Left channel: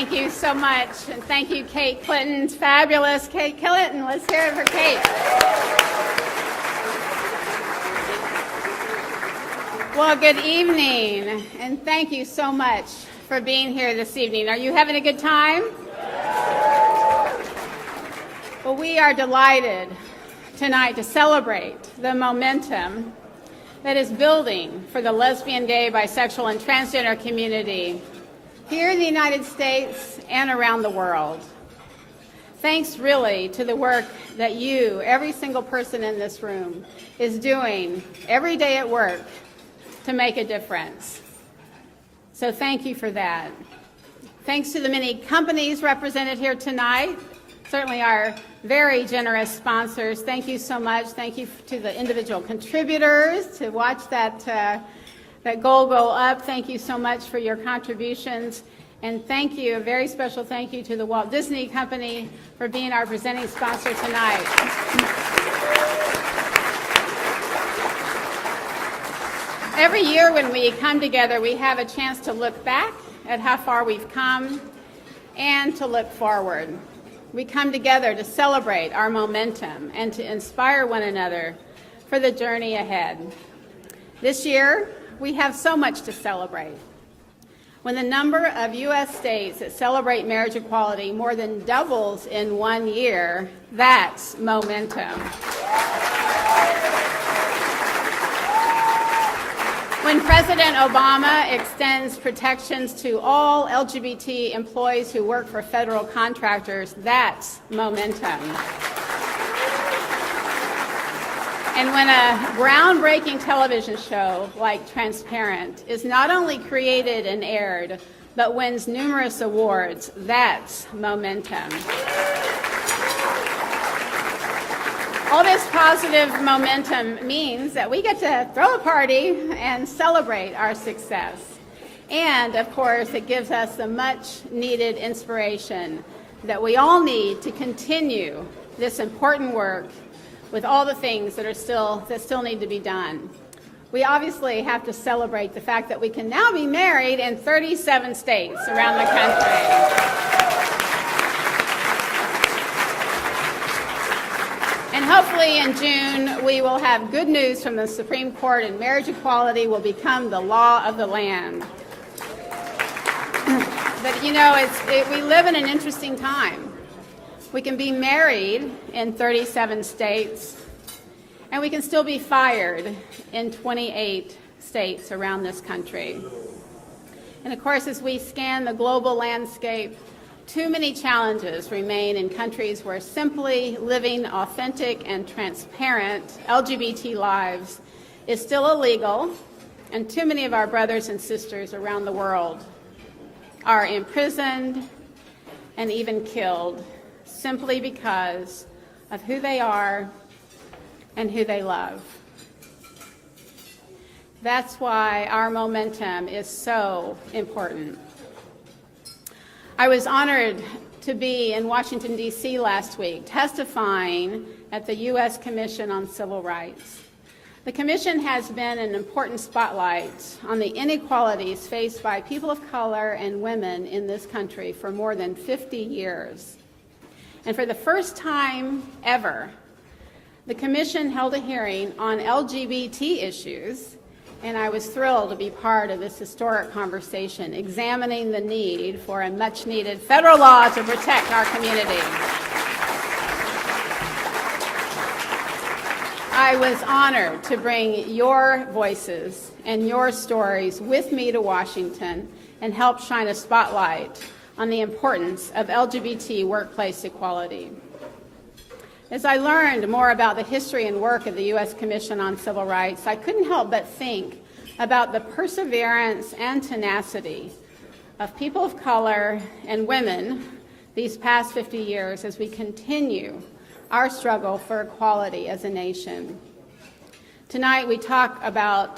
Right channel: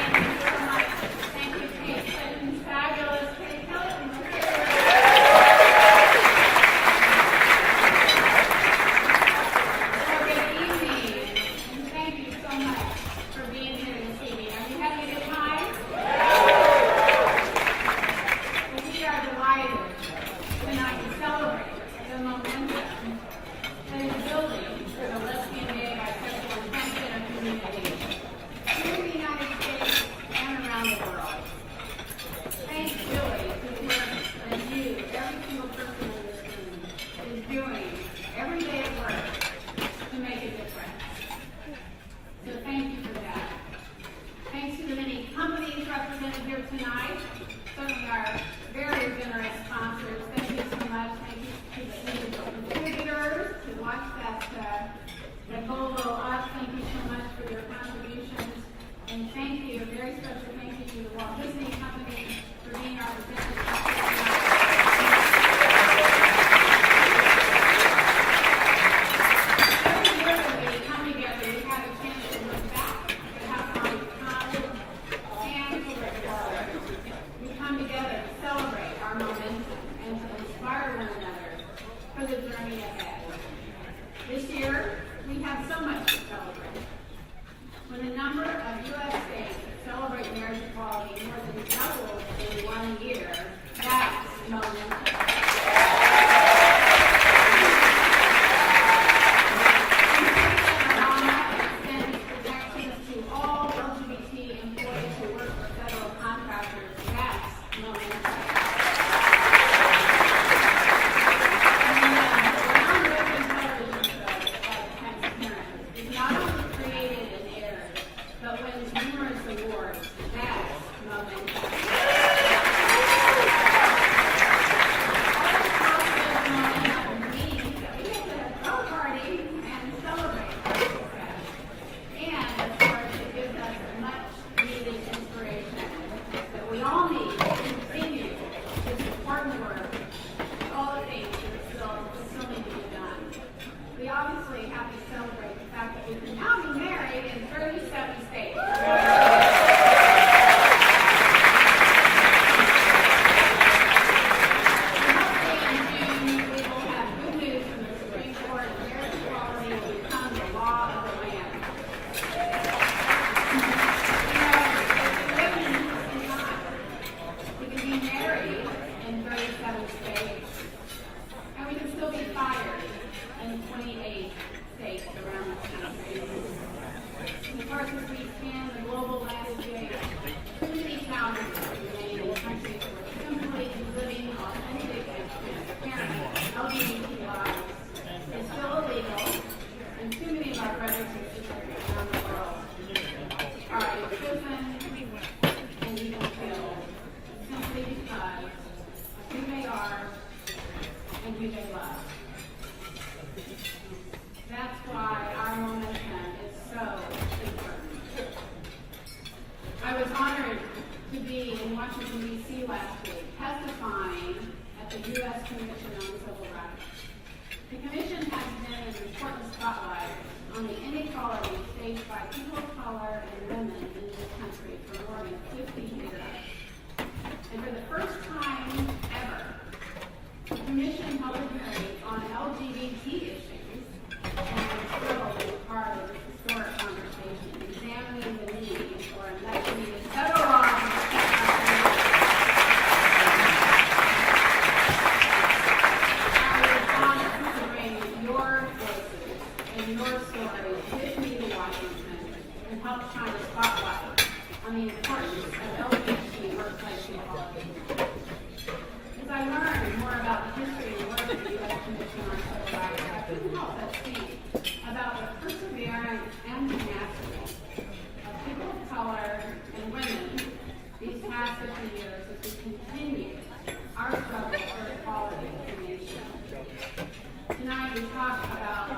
Thank you so much. And thank you, Kate Clinton's fabulous Kate Clinton. Let's hear it for Kate. Well, good evening, and thank you so much for being here this evening. Are you having a good time? Well, we are delighted tonight to celebrate the momentum that is building for the lesbian, gay, bisexual, and transgender community here in the United States and around the world. Thanks really to the work that you, every single person in this room, is doing every day at work to make a difference. So thank you for that. Thanks to the many companies represented here tonight, certainly our very generous sponsors. Thank you so much. Thank you to the individual contributors to watch that goal go up. Thank you so much for your contributions. And thank you, a very special thank you to the Walt Disney Company for being our presenting sponsor tonight. Every year when we come together, we have a chance to look back at how far we've come and to look forward. We come together to celebrate our momentum and to inspire one another for the journey ahead. This year, we have so much to celebrate. When the number of U.S. states that celebrate marriage equality more than doubles in 1 year, that's momentum. When President Obama extends protections to all LGBT employees who work for federal contractors, that's momentum. And when a groundbreaking television show like Transparent is not only created and aired, but wins numerous awards, that's momentum. All this positive momentum means that we get to throw a party and celebrate our success. And, of course, it gives us the much-needed inspiration that we all need to continue this important work with all the things that still need to be done. We obviously have to celebrate the fact that we can now be married in 37 states around the country. And hopefully in June, we will have good news from the Supreme Court and marriage equality will become the law of the land. But you know, we live in an interesting time. We can be married in 37 states, and we can still be fired in 28 states around this country. And of course, as we scan the global landscape, too many challenges remain in countries where simply living authentic and transparent LGBT lives is still illegal, and too many of our brothers and sisters around the world are imprisoned and even killed simply because of who they are and who they love. That's why our momentum is so important. I was honored to be in Washington, D.C. last week, testifying at the U.S. Commission on Civil Rights. The Commission has been an important spotlight on the inequalities faced by people of color and women in this country for more than 50 years. And for the first time ever, the Commission held a hearing on LGBT issues, and I was thrilled to be part of this historic conversation, examining the need for a much-needed federal law to protect our community. I was honored to bring your voices and your stories with me to Washington and help shine a spotlight on the importance of LGBT workplace equality. As I learned more about the history and work of the U.S. Commission on Civil Rights, I couldn't help but think about the perseverance and tenacity of people of color and women these past 50 years as we continue our struggle for equality as a nation. Tonight we talk about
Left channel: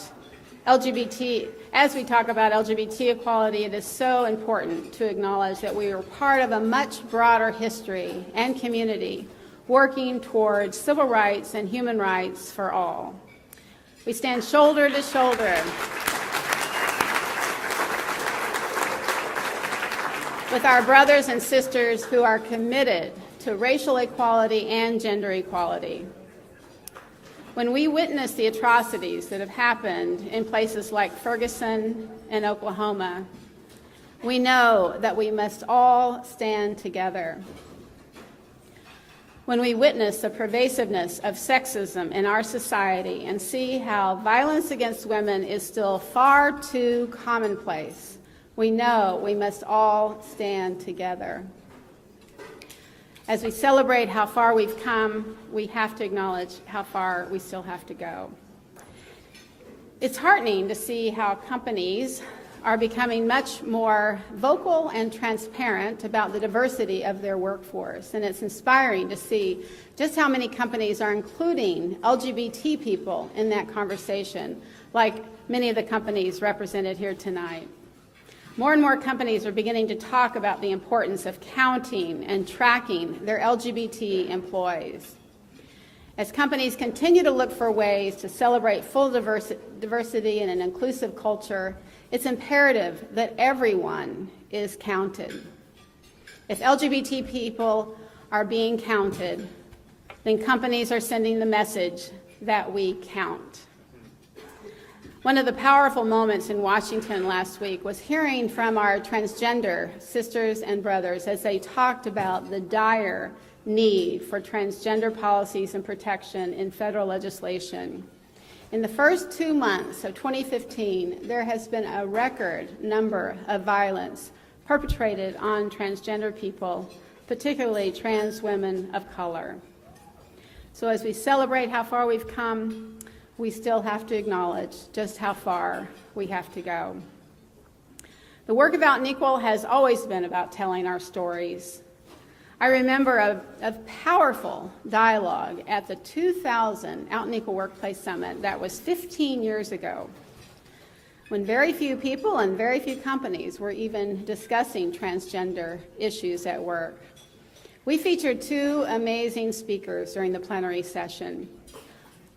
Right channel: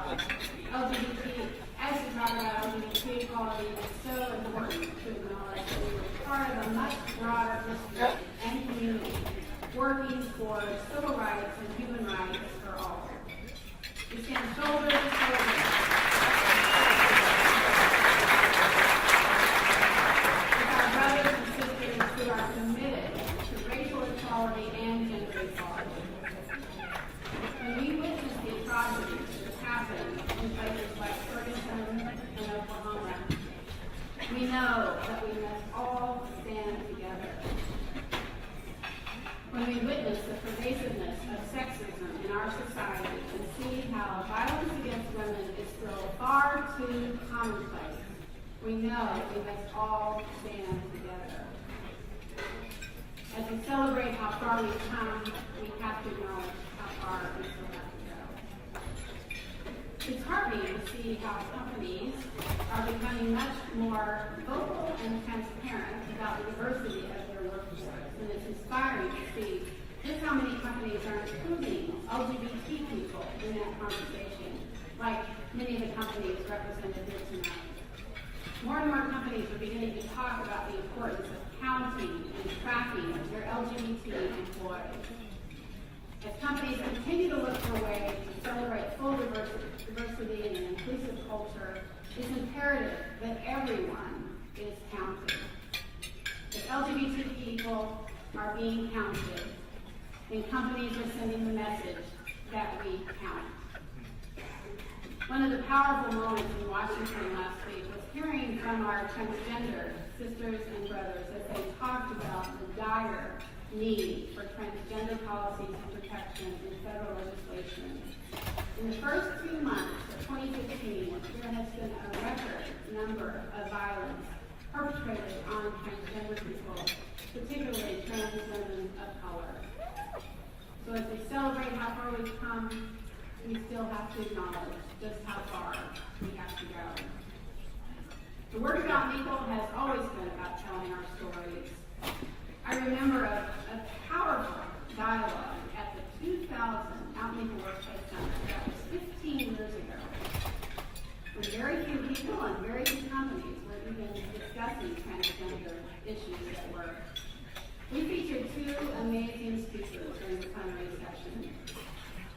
LGBT. As we talk about LGBT equality, it is so important to acknowledge that we are part of a much broader history and community working towards civil rights and human rights for all. We stand shoulder to shoulder with our brothers and sisters who are committed to racial equality and gender equality. When we witness the atrocities that have happened in places like Ferguson and Oklahoma, we know that we must all stand together. When we witness the pervasiveness of sexism in our society and see how violence against women is still far too commonplace, we know we must all stand together. As we celebrate how far we've come, we have to acknowledge how far we still have to go. It's heartening to see how companies are becoming much more vocal and transparent about the diversity of their workforce, and it's inspiring to see just how many companies are including LGBT people in that conversation, like many of the companies represented here tonight. More and more companies are beginning to talk about the importance of counting and tracking their LGBT employees. As companies continue to look for ways to celebrate full diversity in an inclusive culture, it's imperative that everyone is counted. If LGBT people are being counted, then companies are sending the message that we count. One of the powerful moments in Washington last week was hearing from our transgender sisters and brothers as they talked about the dire need for transgender policies and protection in federal legislation. In the first 2 months of 2015, there has been a record number of violence perpetrated on transgender people, particularly trans women of color. So as we celebrate how far we've come, we still have to acknowledge just how far we have to go. The work of Out and Equal has always been about telling our stories. I remember a powerful dialogue at the 2000 Out and Equal Workplace Summit that was 15 years ago, when very few people and very few companies were even discussing transgender issues at work. We featured two amazing speakers during the plenary session.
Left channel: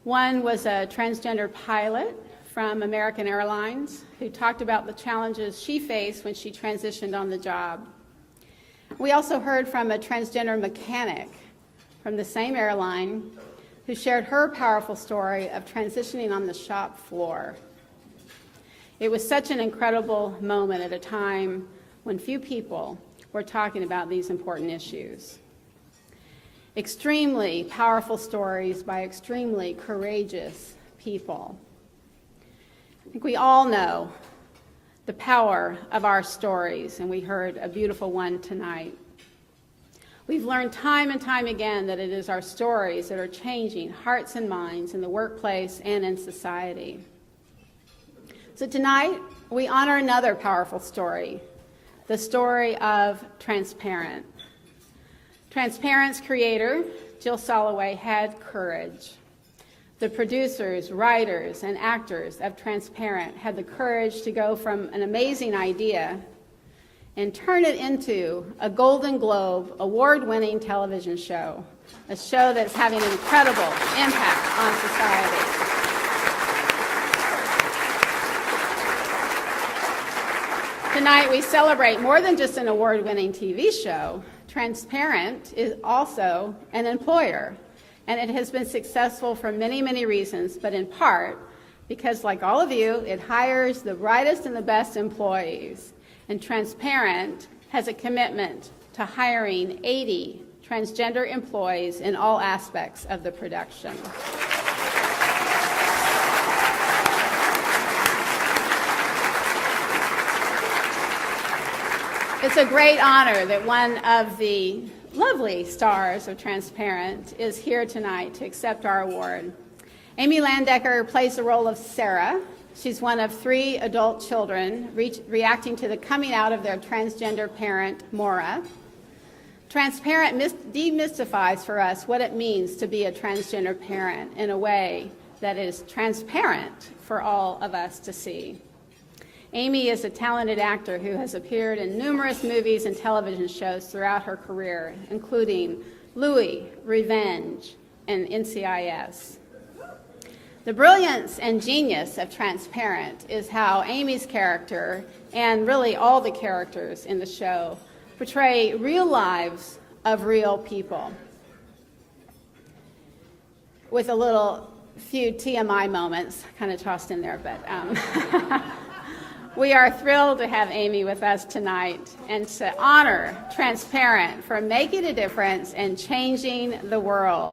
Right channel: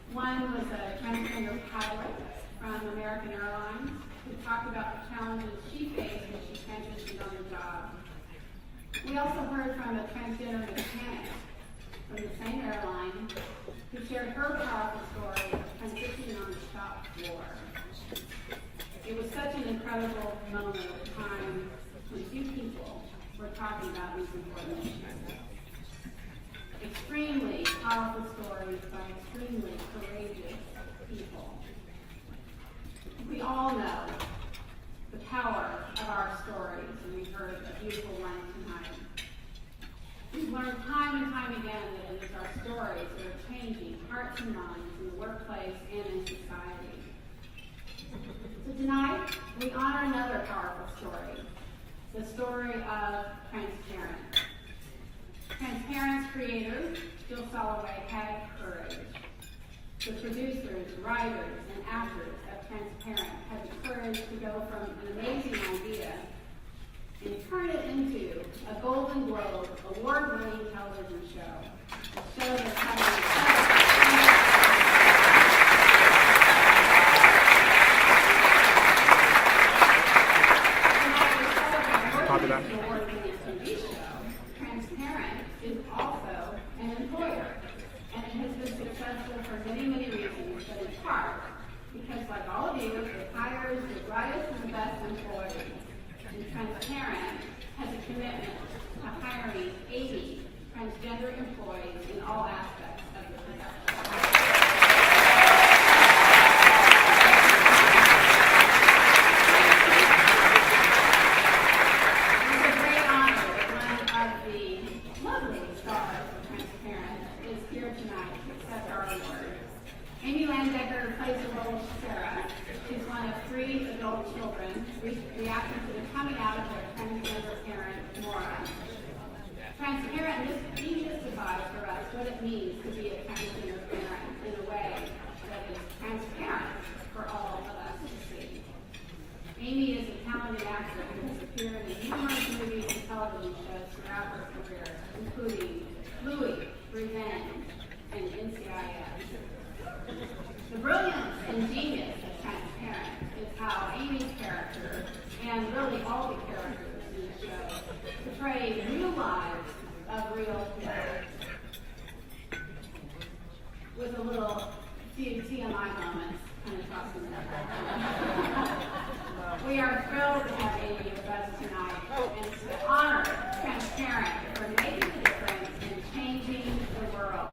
One was a transgender pilot from American Airlines who talked about the challenges she faced when she transitioned on the job. We also heard from a transgender mechanic from the same airline who shared her powerful story of transitioning on the shop floor. It was such an incredible moment at a time when few people were talking about these important issues. Extremely powerful stories by extremely courageous people. We all know the power of our stories, and we heard a beautiful one tonight. We've learned time and time again that it is our stories that are changing hearts and minds in the workplace and in society. So tonight, we honor another powerful story, the story of Transparent. Transparent's creator, Jill Soloway, had courage. The producers, writers, and actors of Transparent had the courage to go from an amazing idea and turn it into a Golden Globe award-winning television show, a show that's having an incredible impact on society. Tonight we celebrate more than just an award-winning TV show. Transparent is also an employer, and it has been successful for many, many reasons, but in part because, like all of you, it hires the brightest and the best employees. And Transparent has a commitment to hiring 80 transgender employees in all aspects of the production. It's a great honor that one of the lovely stars of Transparent is here tonight to accept our award. Amy Landecker plays the role of Sarah. She's one of 3 adult children reacting to the coming out of their transgender parent, Maura. Transparent demystifies for us what it means to be a transgender parent in a way that is transparent for all of us to see. Amy is a talented actor who has appeared in numerous movies and television shows throughout her career, including Louie, Revenge, and NCIS. The brilliance and genius of Transparent is how Amy's character, and really all the characters in the show, portray real lives of real people, with a little few TMI moments kind of tossed in there, but we are thrilled to have Amy with us tonight and to honor Transparent for making a difference and changing the world.